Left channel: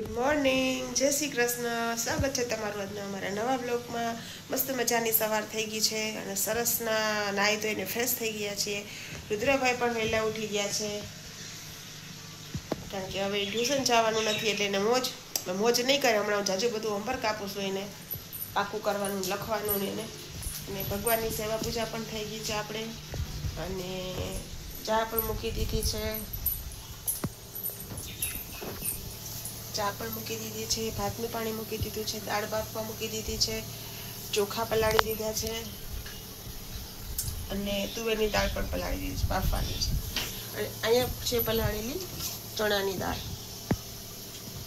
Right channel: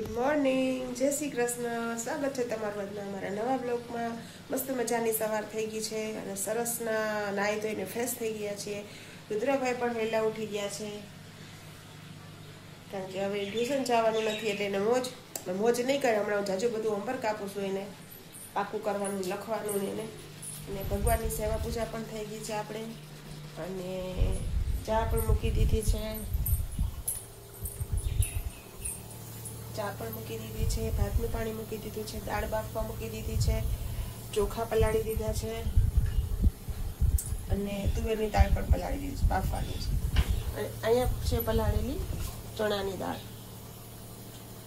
Good morning, જય શ્રી કૃષ્ણ. સ્વાગત છે તમારું આજના અમારા નવા બ્લોગમાં. મસ્ત મજાની સવાર થઈ ગઈ છે અને સરસના નાહી ધોઈને ફ્રેશ થઈ ગયા છીએ. રુદ્રભાઈ પણ વહેલા ઉઠી ગયા છે કારણ કે હવે ટ્યુશન જવાનું નથી એટલે એને મોજ નહીં કરે. હમણાં જાજુ બધું હોમવર્ક આપું છું એને, પાકું કરવાનું, લખવાનું ને એને. અને ભગવાનની સેવા પૂજા પણ થઈ ગઈ છે આપણે, અને ચા પણ મૂકી દીધી છે. ચા પણ મૂકી દીધી છે, ભાતનું પાણી મૂકી દીધું છે, દાળ બાફવા મૂકી દીધી છે, ચોખા પલાળી દીધા છે અને તુવેરની દાળ પણ પલાળી દીધી છે, બાફવાની છે. અને અહીંયા છે પલાળેલી ચણાની દાળ,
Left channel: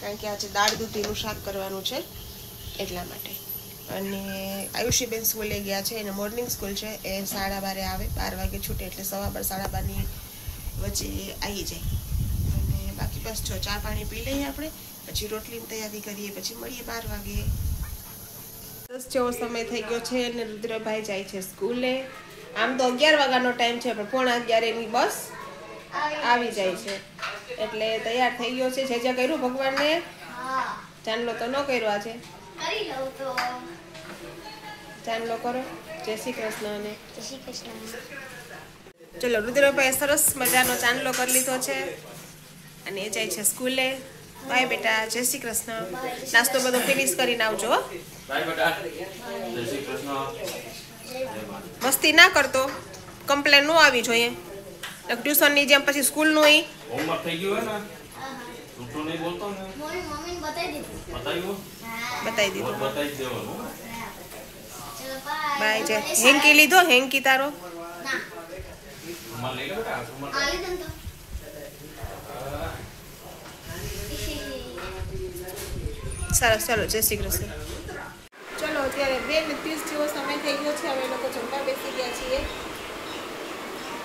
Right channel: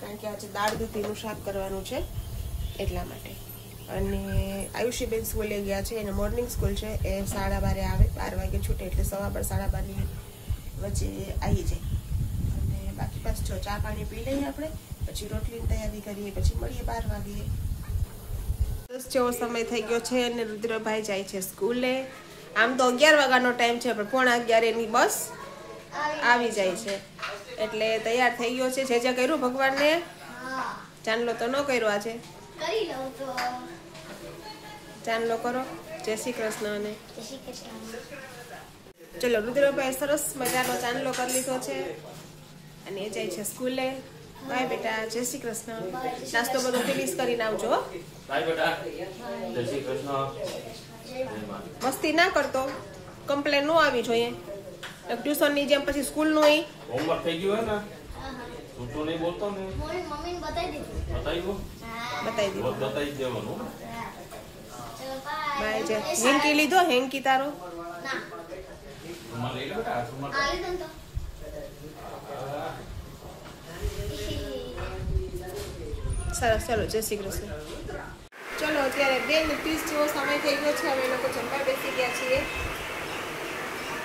કારણ કે આજે દાળ દૂધીનું શાક કરવાનું છે એટલા માટે. અને આયુષીબેન સ્કૂલે ગયા છે, એને મોર્નિંગ સ્કૂલ છે, એ 12:30 આવે, 12 વાગે છૂટે એટલે 12:15 12:30 વચ્ચે આવી જાય. અને બાકી બસ જો ચા પાણી પી લઈએ આપણે, પછી રોટલીની તૈયારી કરીએ, પછી મળીએ 12 વાગે. 10 જેવો સમય થઈ ગયો છે અને રુદ્રભાઈ જાય છે સ્કૂલે. આમ તો 11 વાગ્યાનો ટાઈમ છે, પણ 11:45 એની બસ આવી જાય છે એટલે તૈયાર થઈ ગયો છે. જે કર્યું ભગવાનને ચાંદલો તો ન કર્યો આજે, ચાંદલો કરો. જય શ્રી કૃષ્ણ. અને ચલો, રુદ્રભાઈ સરસ મજાનો ચાંદલો કરી લીધો છે અને એ જાય છે સ્કૂલે. બાય બેટા, જય શ્રી કૃષ્ણ. નાસ્તો બધો ફિનિશ કરીને આવજો. મસ્તી ના કરતો, કમ્પ્લેન ન આવી જોઈએ. ટ્યુશનની જેમ પછી સ્કૂલનું હોમવર્ક થઈ ગયું હે ને, જૂઠું નહીં બોલતો ને. મમ્મીને બતાવી દીધું. બતાવ્યું? બતાવી દીધું. બતાવી દેવાનું. બાય. જય. હેન્કી લીધો? હેન્કી તારો ના સુમા લઈ લો બેટા, સુમા. આ લીધું તો સરસ. ચલો, જય શ્રી કૃષ્ણ. ચલો, અત્યારે 2:30 જેવો સમય થઈ ગયો છે. અમે લોકો જમવા બેસી ગયા છીએ.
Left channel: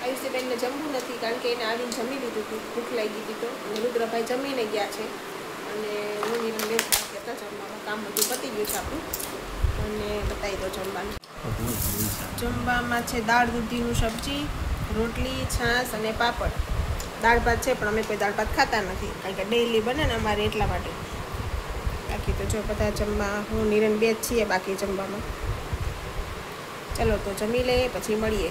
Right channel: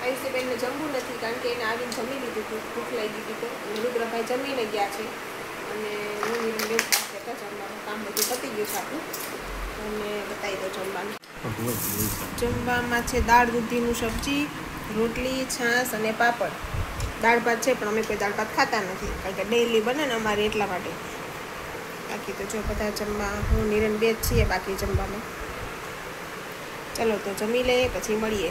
આયુષીબેનને જમવું નથી કારણ કે એને આવીને જમી લીધું હતું, ભૂખ લાગી ગઈ તો. અને રુદ્રભાઈ જમીને ગયા છે અને હું નિરમ બેન હતા જમવામાં. કામ બધું પતી ગયું છે આપણું. અને બતાવી દો જમવાનું. જમવામાં છે દાળ દૂધીનું સબ્જી, રોટલી, છાશ અને પાપડ. દાળ ભાત છે, પણ અમે કોઈ દાળ ભાત ખાતા નથી કારણ કે ડેઈલી બને ને અમારે એટલા માટે. બાકી તો જો બધા જમવા, હું નિરણ બે જ છીએ બાકી જમવામાં. ચલો તો જમી લઈએ, પછી મળીએ.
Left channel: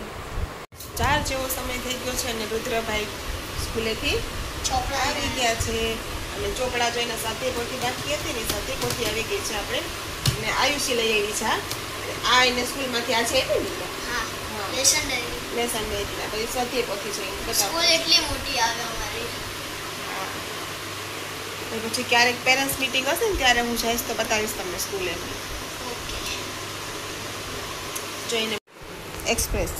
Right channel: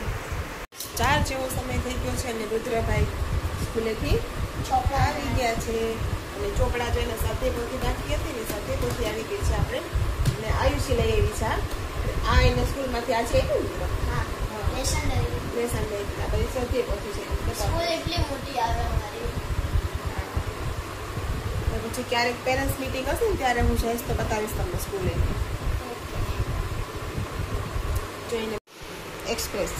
4 જેવો સમય થઈ ગયો છે અને રુદ્રભાઈ સ્કૂલેથી આવી ગયા છે. અને ચોપડા જોઈને સાથે પોથી બાકી હતી ને, સાથે પોથી આવી ગઈ છે આપણે. અને આયુષી લઈ આવી છે. આ એને સ્કૂલમાંથી આજે આવી ને, હા લેસન ડાયરી લેસન ડાયરી પછી સાથે પોથી છે. સ્કૂલ એટલી મોટી આવે અમારી. પછી ક્યારેક પેરેન્ટ્સ મીટિંગ હશે ને ત્યારે હું જઈશ તો બતાવીશ તમને સ્કૂલે. ઓકે. જોઈને એક્સપ્રેસ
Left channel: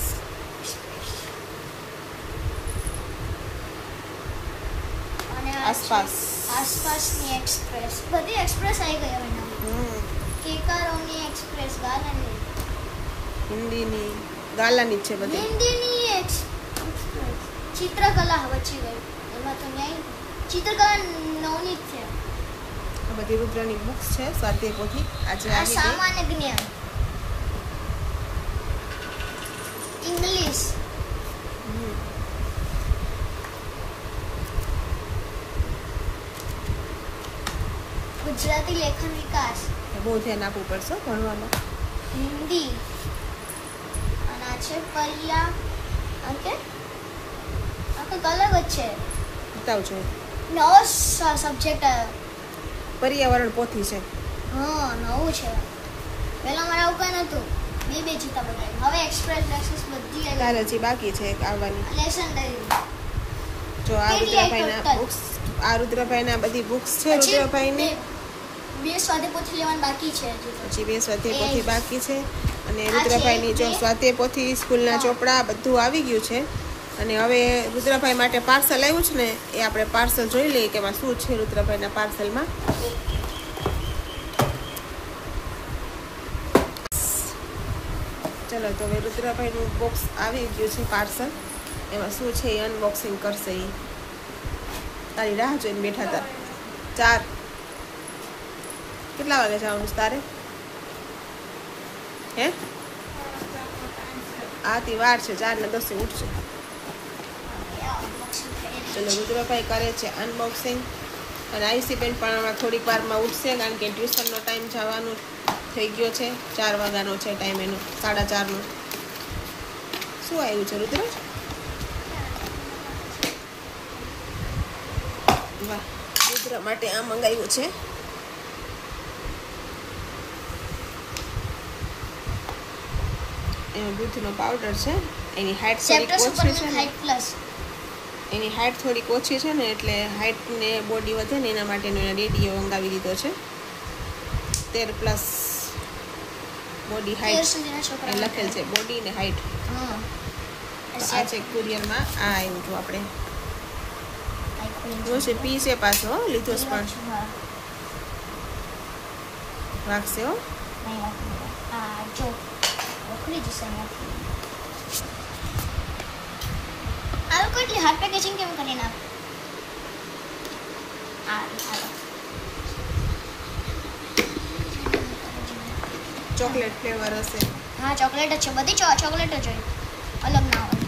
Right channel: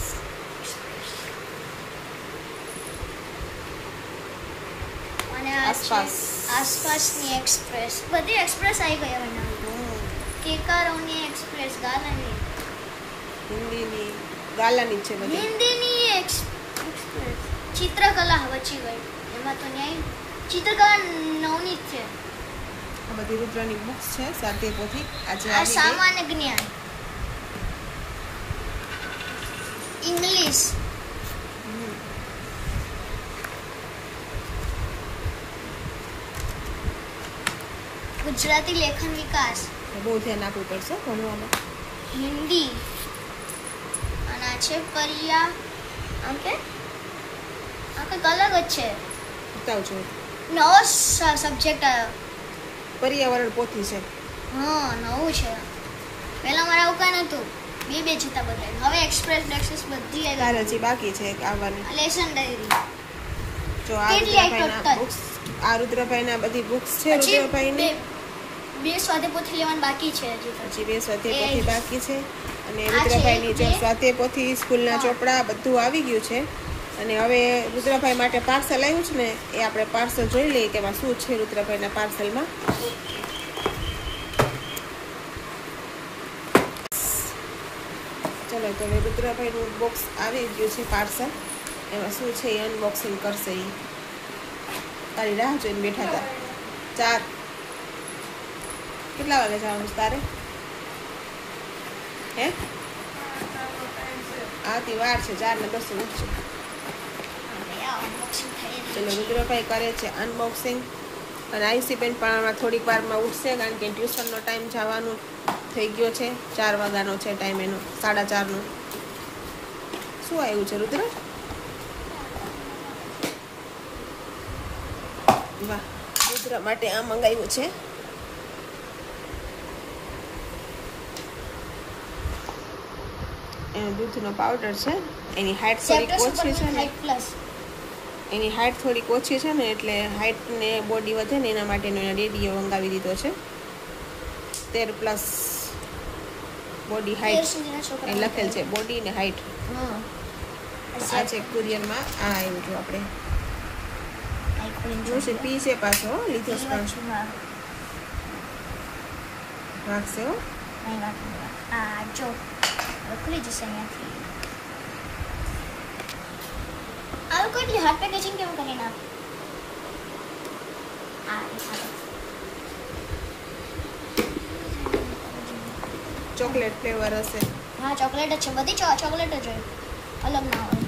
અને આસપાસની એક્સપ્રેસ, બધી એક્સપ્રેસ આવી ગઈ હવે નવી. કેકારોની એક્સપ્રેસ, ગાલાની, હિન્દીની ગાલાની છે બધી. હિન્દીની એક્સપ્રેસ, ચિત્રકલા બચી ગઈ એમાં તો ન્યાય. ચિત્રકલા નવની જ છે. આ બધી રુદ્રની બુક્સ છે, સ્વાધ્યાય પોથી આજે આ આવી ગઈ. સામાન્ય જ્ઞાન, ઇંગ્લિશ, ગુજરાતી લેખન વિકાસ, બહુ ધ્યાન આપવું પડશે ભણવામાં. હિન્દી, અને આ છે પર્યા. આમ કે આ કંઈક અલગ જ છે, બતાવજો. નવો સબ્જેક્ટ આવ્યો. પર્યાવરણ પોથી છે. હા નવું છે. પહેલા મારે આવું કાંઈ નહોતું, બે જ હતા બધા. હવે એક્સપ્રેસ નેક્સસ બધી આવી. તારે હજી બાકી છે આવવાની. લેસન ડાયરી જો આ રુદ્રભાઈના બુક્સ, આ રુદ્રભાઈના બધી બુક્સ છે. રુદ્રભાઈની બે સ્વાધ્યાય પોથી લેવાનું બાકી છે હજી તો. હજી 2 સ્વાધ્યાય પોથી બાકી છે. અને રુદ્રભાઈની જો સ્વાધ્યાય પોથી, સ્કૂલના ચોપડા બધું આવી ગયું છે. અને હવે રુદ્રભાઈ માટે પાર્સલ આવ્યું છે ને, એ આપણે પાર્સલ જોઈ લઈએ કે એમાં શું છે રુદ્રભાઈના પાર્સલમાં. ચલો તો હવે રુદ્રભાઈનું બોક્સ આવી ગયું છે પાર્સલ. એમાં શું છે એ અનબોક્સિંગ કરશે. એ તારી રાહ જોઈને બેઠા હતા. 4 કેટલા વાગે જવાનું તારે? હે આથી વાર છે, 4 ને 10 ઉઠશે. ચલો રુદ્રભાઈ કરે છે અનબોક્સિંગ. અને આયુષી બેન પણ હમણાં થોડીક વારમાં ઉઠશે કારણ કે ટ્યુશનનો ટાઈમ જવાનું થઈ ગયો છે. 4 વાગ્યાનો છે ટાઈમ એનો, 4:30નો. શું આવ્યું છે રુદ્ર? વાહ, રુદ્ર માટે આ મંગાવ્યું છે. એનો દૂધનો પાવડર છે. એની હાઈટ થોડીક ઓછી છે ને, એની હાઈટ થોડીક ઓછી છે ને એટલે હાઈટ ને બોડી વધે ને એના માટેનો એના ડેડીએ મંગાવી દીધો છે. 13+ બોડી હાઈટ એ લખેલ છે, બોડી ને હાઈટ. આ છે કુરિયરમાં. આ આવ્યું જો આપણે જોશે પી છે પાછો લીધો પણ વાગશે હો. આ લોકો એટલી હાર્ડ પેકેજિંગ કેમ કરીને ચોકલેટ ફ્લેવર હશે. હા ચોકલેટ જ છે, બધી ચોકલેટ જ હોય, અલગ ના હોય.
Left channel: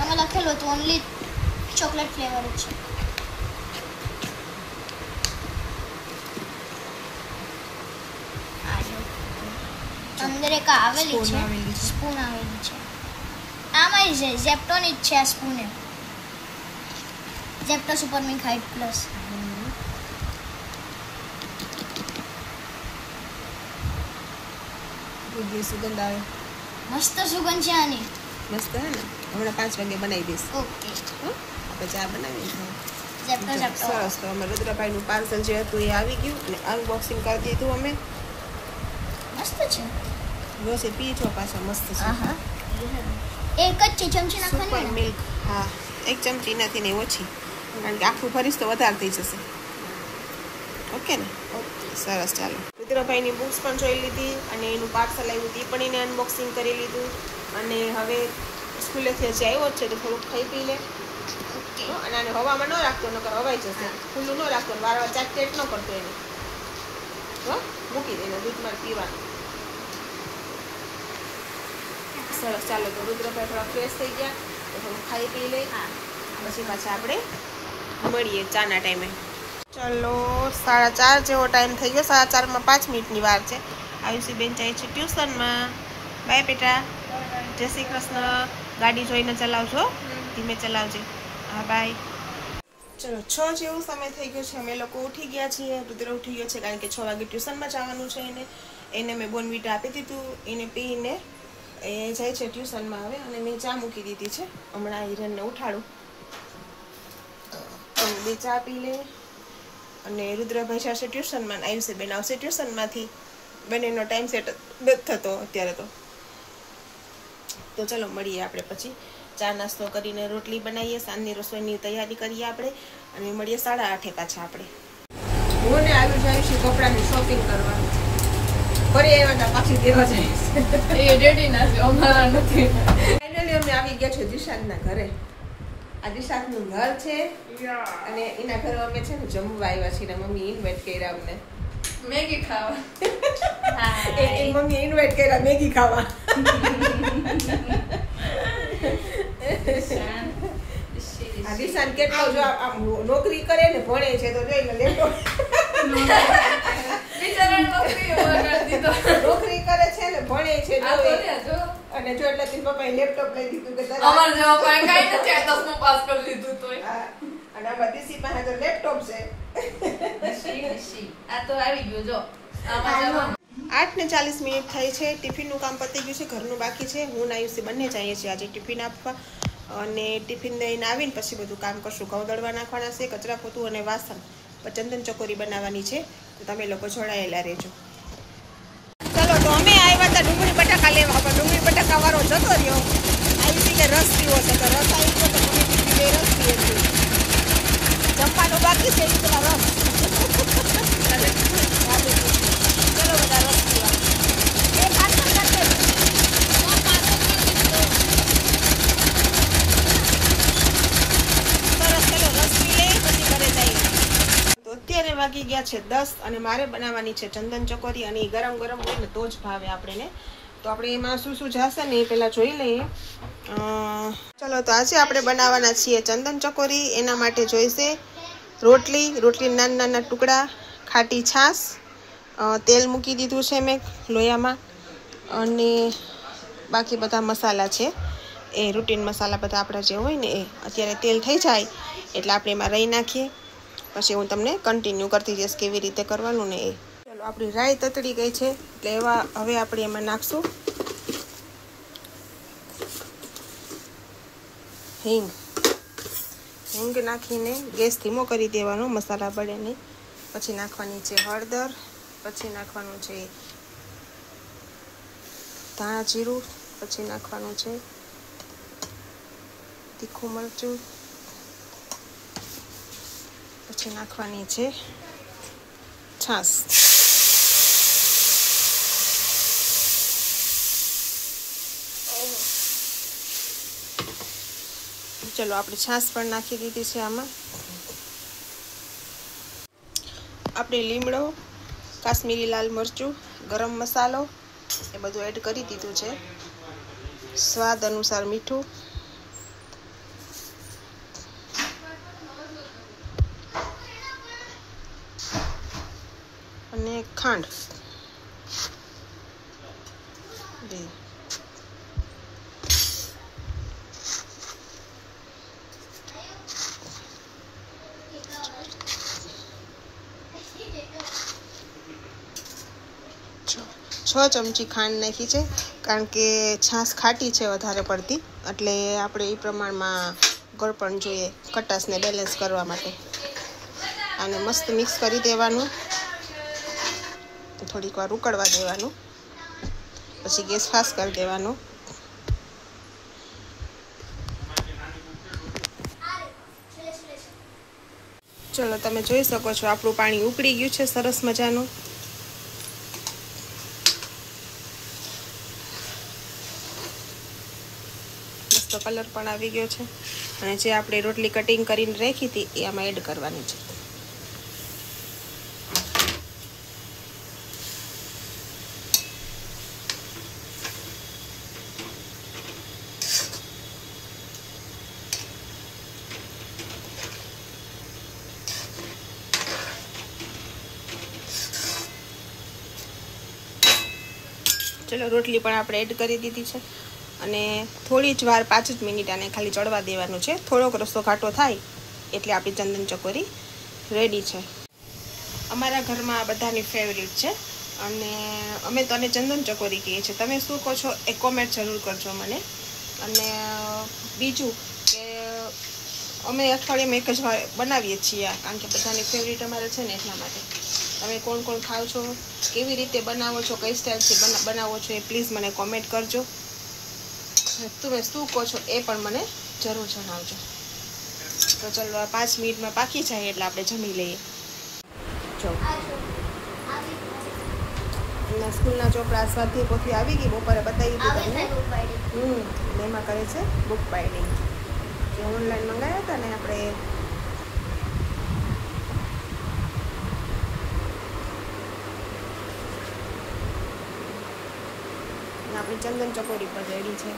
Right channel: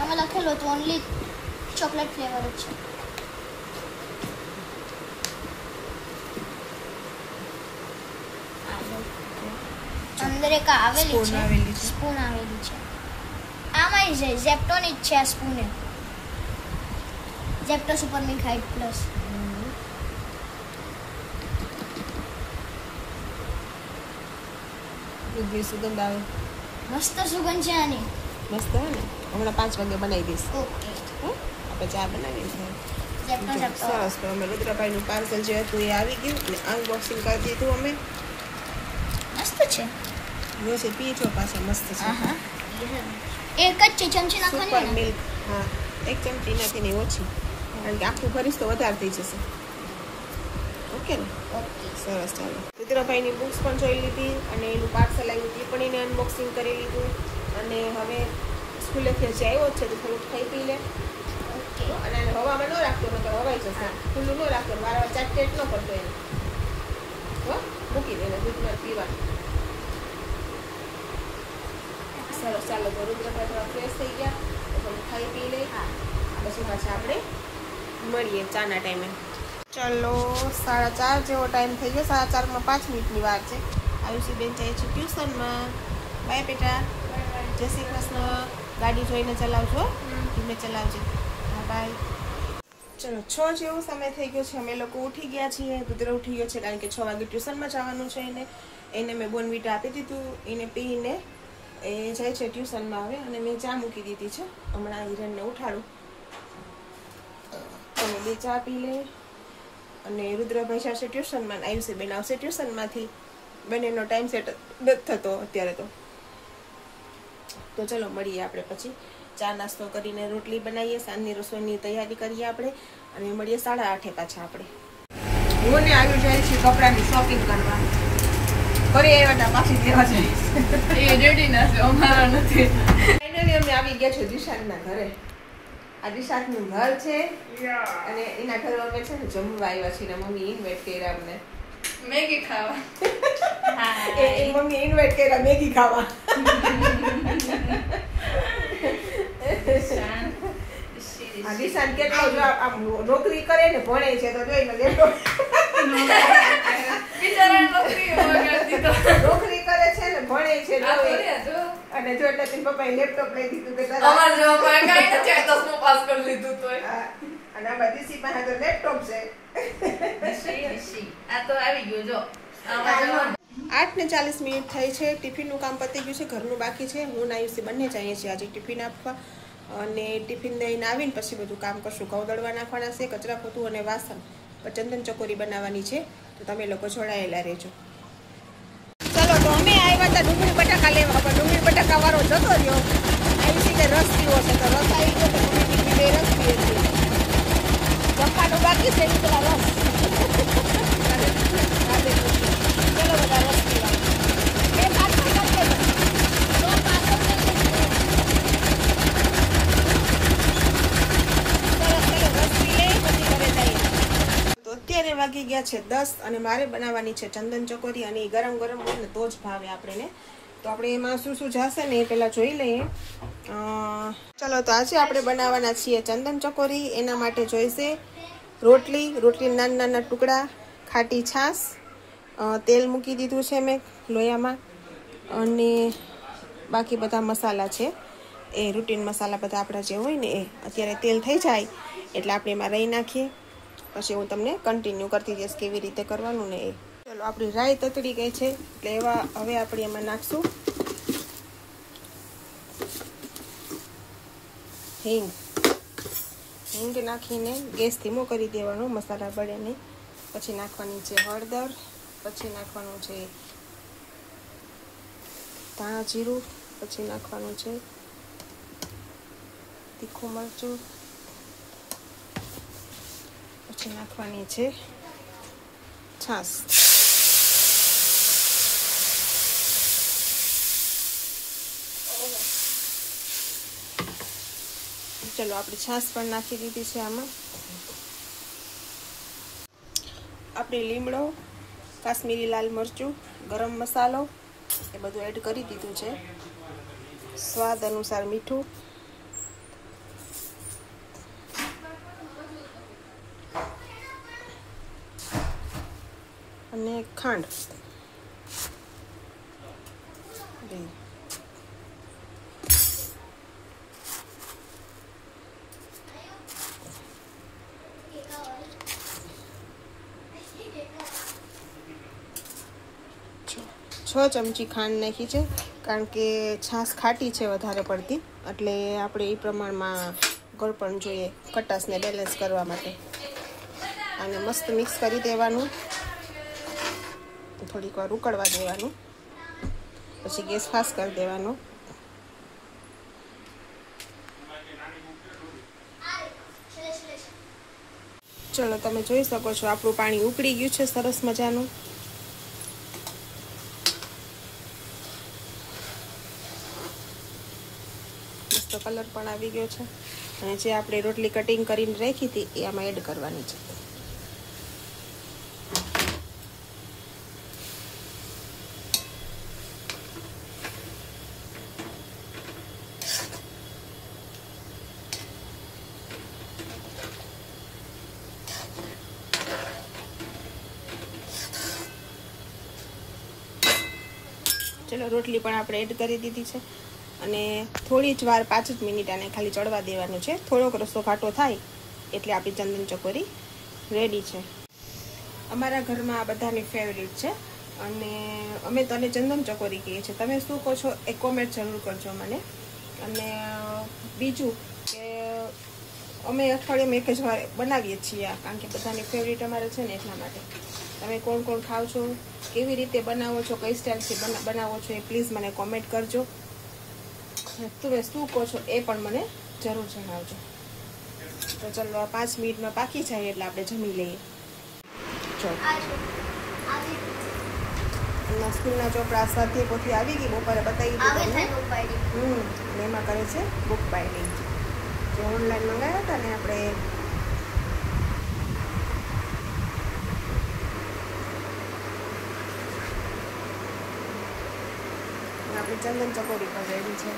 આમાં લખેલું હતું ઓનલી ચોકલેટ ફ્લેવર જ છે. અંદર એક આવેલી છે સ્પૂન આવેલી છે. આમાં ઝેપ્ટોની જ છે આ spoon. Zepto supermilk height plus. સુગંધ આવે, મસ્ત સુગંધ છે આની. મસ્ત હે ને? હમણાં 5 વાગે બનાવી દઈશ. ઓકે, આપણે ચા બનાવી ઝેપ્ટો સરસ. તો અમે રુદ્રભાઈનું પાર્સલ જે હતું એ આવી ગયું અને અનબોક્સિંગ કરી દીધું અમે. મસ્ત છે. જોશે પી છો પાછા મસ્ત છે. હા, એક જ છે ચમચી નાખવાની સુપર મિલ્ક. હા, 1 ચમચી નાખી ને ઓછી, કારણ કે આખું ભરીશ તો વધારે થઈ જશે. ઓકે ને? સરસ. ચાલો, રુદ્રભાઈની બુક્સ પણ જોઈ લીધી અને એનું પાર્સલ આવ્યું એ પણ એને અનબોક્સિંગ કરી લીધું. અને હવે સ્કૂલેથી હજી આવ્યો જ છે તો થોડુંક ખાઈ પી લે. અને આને હવામાં ન રાખતો, નકર હવાઈ જશે. ખુલ્લું ન રાખતો, વારવાર ચાટ ન કરતો એને. મૂકી દે એને દૂધમાં પીવાનું. સરસ. ચાલો, તો રુદ્રભાઈ થોડા ફ્રેશ થઈ ગયા તો થોડું ખાઈ પી લે. પછી પાછા આપણે મળીએ ચાના ટાઈમે. ચાલો, 4:30 જેવો ટાઈમ થઈ ગયો. 4:30માં 5 મિનિટની વાર છે. આયુષી બેન જાય છે ટ્યુશનમાં. બાય બેટા, જય શ્રી કૃષ્ણ. ગાડી જોઈને ચલાવજો, ધીમે ચલાવજે. હા, બાય. ચલો, 6 જેવો સમય થઈ ગયો છે. અમે લોકો ઉઠી ગયા છીએ. રુદ્ર ઉઠી ગયો છે કારણ કે 6 વાગે ટ્યુશનમાં જવાનું છે એને મેં બોર્નવિટા આપી દીધું. એને પીને એ જાય છે ટ્યુશનમાં હવે. અને મેં ચા મૂકી દીધી છે. હમણાં હિરણને ઉઠાડું અમે બે ચા પી લે. અને રુદ્રભાઈ જશે ટ્યુશનમાં, આયુષી બેન આવશે ટ્યુશનમાંથી. બંનેનો ટાઈમ સેટ નથી થતો અત્યારે તો ચલો મળીએ આપણે પછી. ચા નાસ્તો કરીને રોટલી બનાવીએ, સાંજની રસોઈની તૈયારી કરીએ આપણે અને મળીએ 8:30 પાછા આપણે. હું ને આવી જાય છે કપડાની શોપિંગ કરવા. ફરી આવ્યા પાછી દેવા જઈશ. એ રેડી ના છે, અમારા નથી. ફાઇનલી અમે આવી ગયા છે દિશાંતના ઘરે. આ દિશાંતનું ઘર છે અને એના ઘરે અમે છે ને જમવા આવ્યા છીએ. મમ્મી ઇન્વાઇટ કર્યા અમને મેગી ખાવા. એ મમ્મી ઇન્વાઇટ કર્યા મેગી ખાવા. આ દિશાંત કેટલો જો આમ નોકરી કરે ને ભણે છે તો જોઈ લો લેપટોપ નોકરી કરે છે ને ભણે છે અને જો એટલે તેના પપ્પાએ લેપટોપ લઈ દીધું કે અમાર જો પણ કઈ નથી આ 10નું પાસ કરી લીધું તોય. અને આ બધી સી પાસે તો લેપટોપ છે. આ તો આવી ગયું જો. 8:40 થઈ છે. ટિફિનનું કામ પતી ગયું છે, ઘરનું બાકી છે. હું ને આયુષી બંને જઈએ છીએ આજે ટિફિન આપવા. અને ટિફિન લઈને આવીને પછી બધું કામ કરશું. ઘઉં દળવા નાખવાના છે, કચરા પોતું અને વાસણ. ચંદન ચકોરી બનાવવાની છે તો તમે લોકો જોડાયેલા રહેજો. ચલો, તો અમે આવ્યા હતા ડુંગળી બટાકા લેવા, પણ ડુંગળી બટાકા વાળો જતો રહ્યો. આયુષી કે રસ પીવો છે તો રસ આવી ગયો તો મમ્મી દીકરી બે રસ પીએ છીએ. જમવાનું બાકી છે પેલા રસ. ચલો બધા રસ પીવા. એ પાછળ કરશે ને. સરસ, ચલો રસ પી લે પછી ઘરે જઈએ. તો અત્યારે વાગી ગયા છે 10 અને મારે બનાવવાની છે ચંદન ચકોરી. અને ગરમ ગરમ હોય ને તો જ ભાવે આપણને. તો આપણે એમાં શું શું જશે ને એ પહેલાં જોઈ લઈએ. ચલો, તો આજે આપણે બનાવવાના છીએ ચંદન ચકોરી. એના માટે જોઈશે રોટલી નાના નાના ટુકડા, ખાટી છાશ, તેલ મૂકી દીધું છે મેં લોયામાં, અને બાકી બધા મસાલા છે એ રૂટીન મસાલા બધા આપણા જે હોય ને એ. અત્યારે તેલ થઈ જાય એટલે આપણે એમાં રહી નાખીએ, પછી હું તમને કન્ટિન્યુ કરતી જઈશ કેવી રીતે કરવાનું ને એ. ચલો આપણી રાઈ તતડી ગઈ છે એટલે હવે આપણે એમાં નાખશું હિંગ નાખીને ગેસ ધીમો કરી દેવાનો, મસાલા બળે નહીં. પછી નાખવાની છે હળદર, પછી નાખવાનું છે ધાણા જીરું, પછી નાખવાનું છે તીખું મરચું, પછી નાખવાની છે છાશ. ચલો આપણે છાશ પણ નાખી દીધી છે આમાં. આપણે લીમડો, કાશ્મીરી લાલ મરચું, ગરમ મસાલો એ બધું એડ કરી દીધું છે. સ્વાદ અનુસાર મીઠું, અને ખાંડ. છ ચમચી ખાંડ નાખી છે, કારણ કે છાશ ખાટી છે વધારે પડતી, એટલે આપણે એ પ્રમાણમાં ગળપણ જોઈએ ખટાશને બેલેન્સ કરવા માટે. આને મસ્ત મિક્સ કરી દેવાનું, થોડીક વાર ઉકળવા દેવાનું, પછી ગેસ ફાસ્ટ કરી દેવાનો. ચલો તમે જોઈ શકો છો આપણું પાણી ઉકળી ગયું છે સરસ મજાનું. મસ્ત કલર પણ આવી ગયો છે. અને જે આપણે રોટલી કટિંગ કરીને રાખી હતી એ આમાં એડ કરવાની છે. ચલો રોટલી પણ આપણે એડ કરી દીધી છે, અને થોડી જ વાર 5 જ મિનિટ આને ખાલી ચડવા દેવાનું છે. થોડોક રસ્તો ઘાટો થાય એટલે આપણી ચંદન ચકોરી રેડી છે. અમારા ઘરમાં આ બધાની ફેવરિટ છે, અને અમે તો આને ચંદન ચકોરી કહીએ છીએ. તમે શું કહો છો એ કોમેન્ટ જરૂર કરજો મને. અને બીજું કે અમે અઠવાડિયામાં એક જ વાર બનાવીએ છીએ, કારણ કે બધાની ફેવરિટ અમારે છે ને, એટલા માટે. તમે કોણ કોણ ખાવ છો, કેવી રીતે બનાવો છો, કઈ સ્ટાઇલથી બનાવો છો એ પ્લીઝ મને કોમેન્ટ કરજો. તમે શું કહો છો એ પણ મને જરૂર જણાવજો. તો ચલો 5 મિનિટમાં પાકી જાય એટલે આપણે જમી લઈએ. જો એમના સ્કૂલના ચોપડા સ્વાધ્યાય પોથી આવી ગઈ, બપોરે બતાવી દીધી તમને. એમાં કરે છે બુક બાઇન્ડિંગ, જે ઓનલાઈન મંગાવ્યા હતા ને આપણે. આપણી ચંદન ચકોરી પર રેડી છે.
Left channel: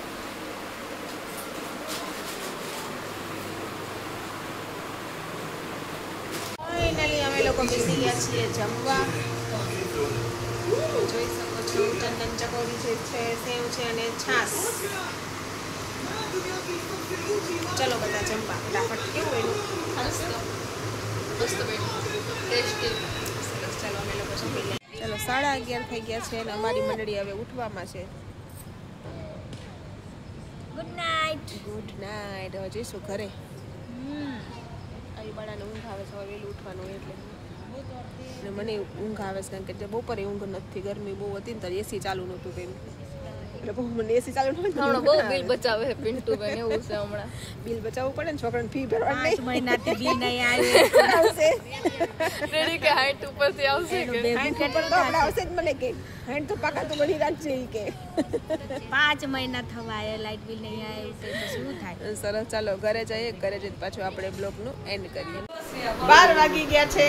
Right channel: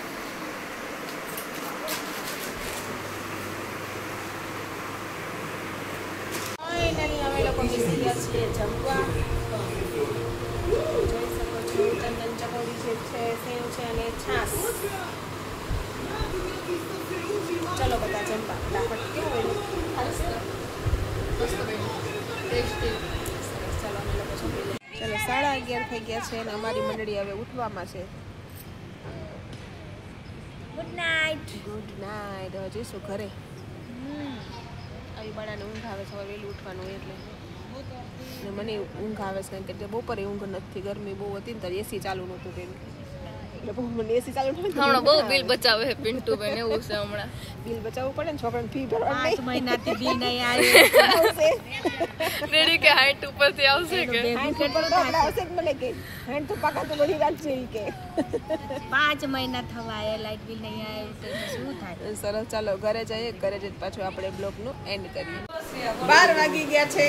ફાઇનલી અમે લોકો બેસી ગયા છીએ જમવા. જોઈ શકો છો ચંદન ચકોરી જે છે, સેવ છે અને છાશ. ચલો બધા જમવા ફટાફટ. કેવું ટેસ્ટી. ચલો અમે લોકો જમી લઈએ. ચલો 11:30 થઈ ગયા છે અને અમારી મંડળી હવે ઉઠવામાં છે. Good night. Good night. હવે જઈશું ઘરે. આવી બાળાને ઊંઘ આવે છે, વહેલું ઉઠવાનું એટલે. અને મને ઊંઘ આવે છે, કારણ કે બપોરે ઊંઘ નથી, ગરમી બહુ હતી ને ત્યારે એસી ચાલુ નહોતું તેનું, એટલે બહુ મને એસી ચાલુ નહોતું. બહુ બિલ બચાવે છે પિન્ટુ બેન, એવું છે હમણાં. બિલ બચાવવું પડે ને, છોકરાને ફી ભરવાની નહીં. મહિનાથી બિલ નહીં આવ્યું. રેડી કે 60 ઉપરથી આવશે કે 60 ઉપર તો આપણે આવશે જ. મને કે 60 તો પાકા તો બની રાખજે ઈ કે. 5 મહિના થવા આવ્યા, લાઇટ બિલ નહીં આવ્યું છે, શું થાય? સરસ. ચાલો ઘરે જઈએ, ઘરે જઈને પાછું આપણે બ્લોગનું એન્ડ કરીએ. 12 વાગી ગયા છે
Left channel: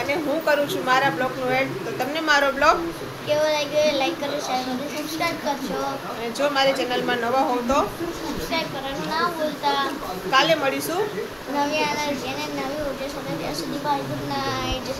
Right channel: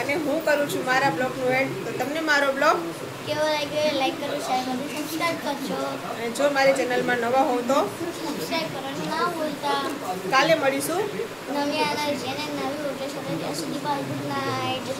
અને હું કરું છું મારા બ્લોગનું એન્ડ. તો તમને મારો બ્લોગ કેવો લાગ્યો લાઈક કરો, શેર કરો, સબસ્ક્રાઇબ કરજો. અને જો મારી ચેનલમાં નવા હોવ તો સબસ્ક્રાઇબ કરવાનું ના ભૂલતા. કાલે મળીશું નવી એનર્જી અને નવી ઉર્જા સાથે. ત્યાં સુધી બાય, ગુડ નાઇટ.